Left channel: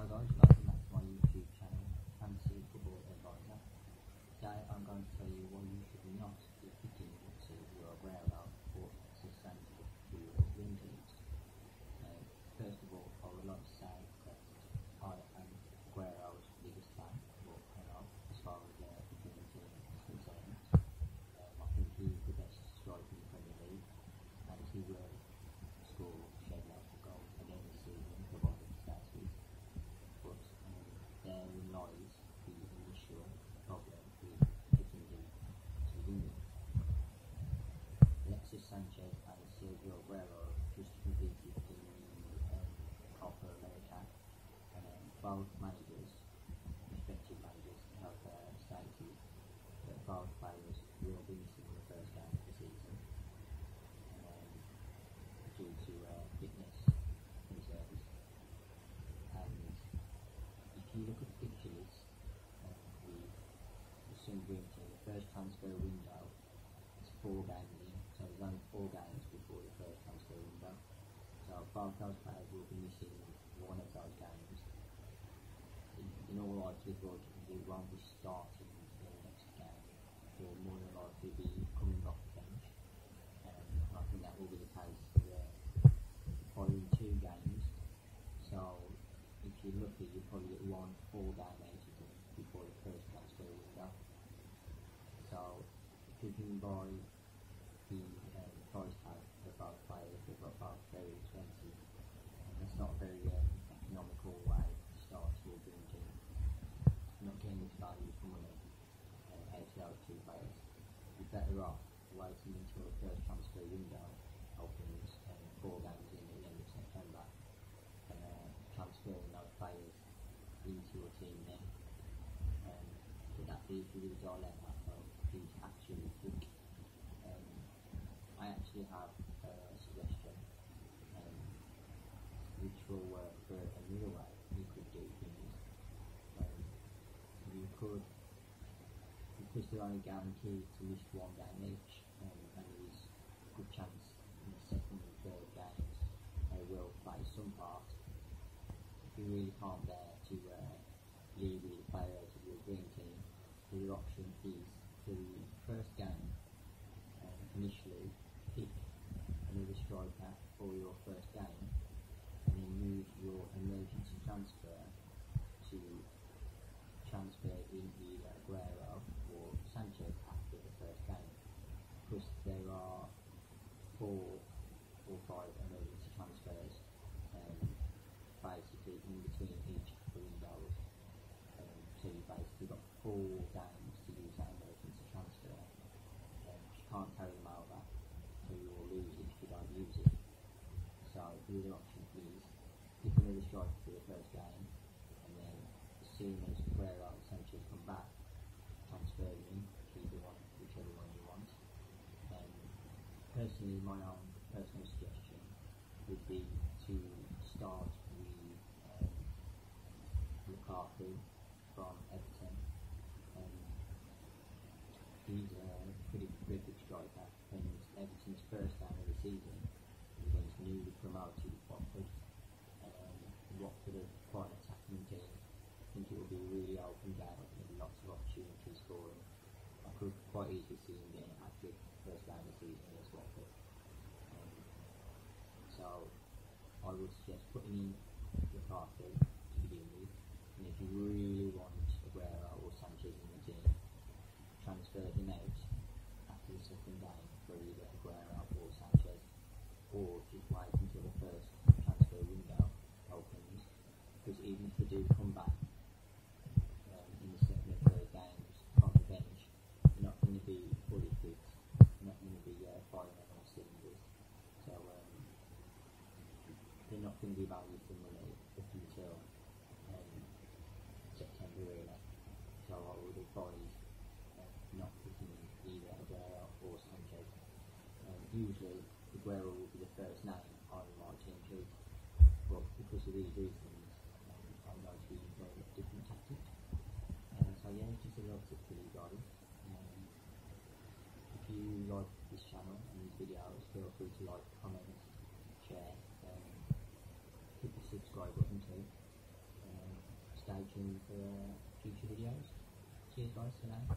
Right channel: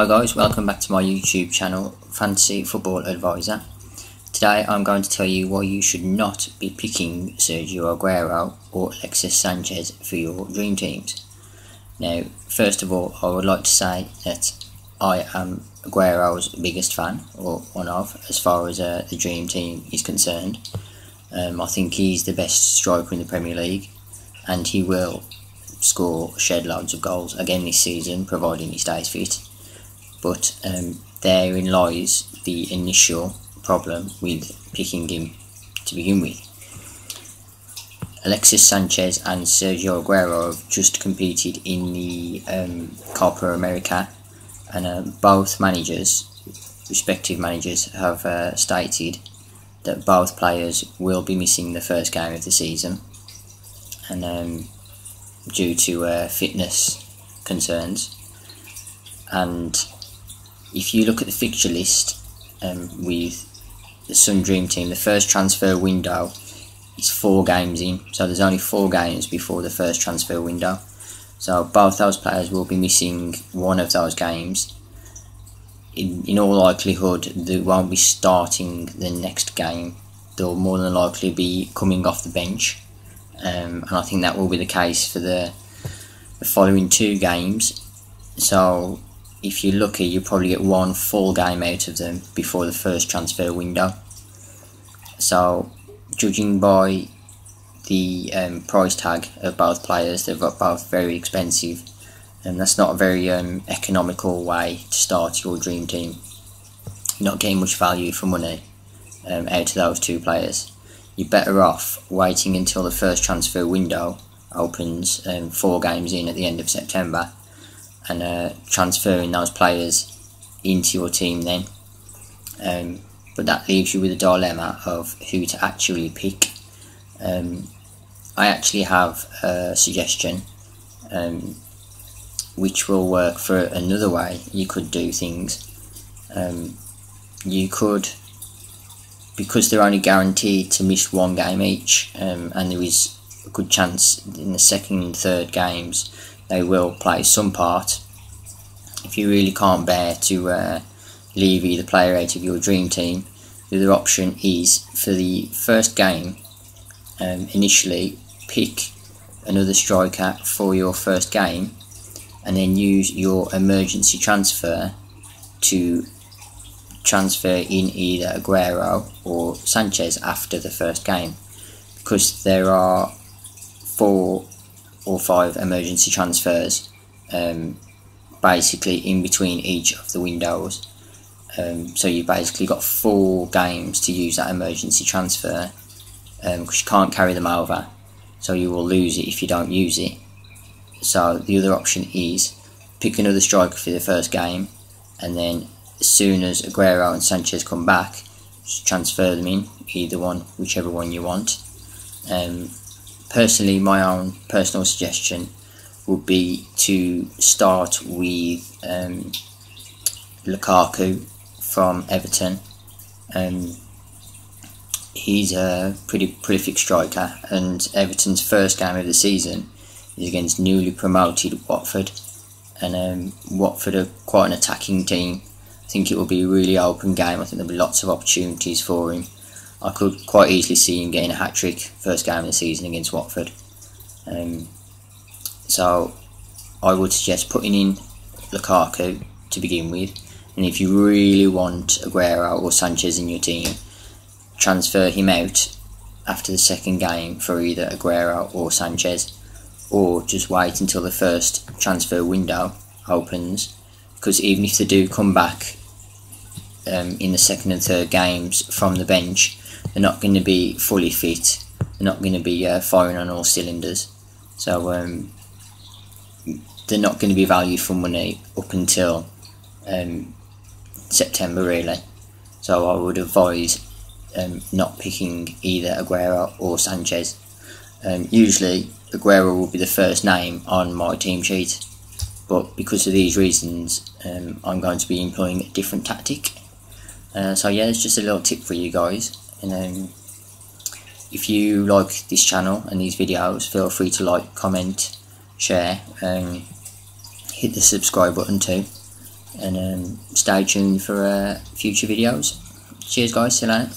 Hi guys, welcome back to my YouTube channel, Fantasy Football Advisor. Today I'm going to tell you why you should not be picking Sergio Aguero or Alexis Sanchez for your dream teams. Now, first of all, I would like to say that I am Aguero's biggest fan, or one of, as far as the dream team is concerned. I think he's the best striker in the Premier League, and he will shed loads of goals again this season, providing he stays fit. But therein lies the initial problem with picking him to begin with. Alexis Sanchez and Sergio Aguero have just competed in the Copa America, and both respective managers, have stated that both players will be missing the first game of the season, and due to fitness concerns. And if you look at the fixture list with the Sun Dream Team, the first transfer window is 4 games in, so there's only 4 games before the first transfer window. So both those players will be missing one of those games. In all likelihood, they won't be starting the next game. They'll more than likely be coming off the bench, and I think that will be the case for the following 2 games. So if you're lucky, you'll probably get 1 full game out of them before the first transfer window. So, judging by the price tag of both players, they're both very expensive, and that's not a very economical way to start your dream team. You're not getting much value for money out of those 2 players. You're better off waiting until the first transfer window opens 4 games in at the end of September, and transferring those players into your team then. But that leaves you with a dilemma of who to actually pick. I actually have a suggestion which will work for another way you could do things. You could, because they're only guaranteed to miss 1 game each, and there is a good chance in the second and third games they will play some part. If you really can't bear to leave either player out of your dream team, the other option is, for the first game, initially pick another striker for your first game, and then use your emergency transfer to transfer in either Aguero or Sanchez after the first game, because there are 4 or 5 emergency transfers basically in between each of the windows. So you've basically got 4 games to use that emergency transfer, because you can't carry them over, so you will lose it if you don't use it. So the other option is pick another striker for the first game, and then as soon as Aguero and Sanchez come back, just transfer them in, either one, whichever one you want. Personally, my own personal suggestion would be to start with Lukaku from Everton. He's a pretty prolific striker, and Everton's first game of the season is against newly promoted Watford, and Watford are quite an attacking team. I think it will be a really open game. I think there'll be lots of opportunities for him. I could quite easily see him getting a hat-trick first game of the season against Watford. So I would suggest putting in Lukaku to begin with, and if you really want Aguero or Sanchez in your team, transfer him out after the second game for either Aguero or Sanchez, or just wait until the first transfer window opens, because even if they do come back in the second and third games from the bench, they're not going to be fully fit. They're not going to be firing on all cylinders. So they're not going to be value for money up until September, really. So I would advise not picking either Aguero or Sanchez. Usually Aguero will be the first name on my team sheet, but because of these reasons, I'm going to be employing a different tactic. So yeah, it's just a little tip for you guys. And if you like this channel and these videos, feel free to like, comment, share, hit the subscribe button too. and stay tuned for future videos. Cheers guys, see you later.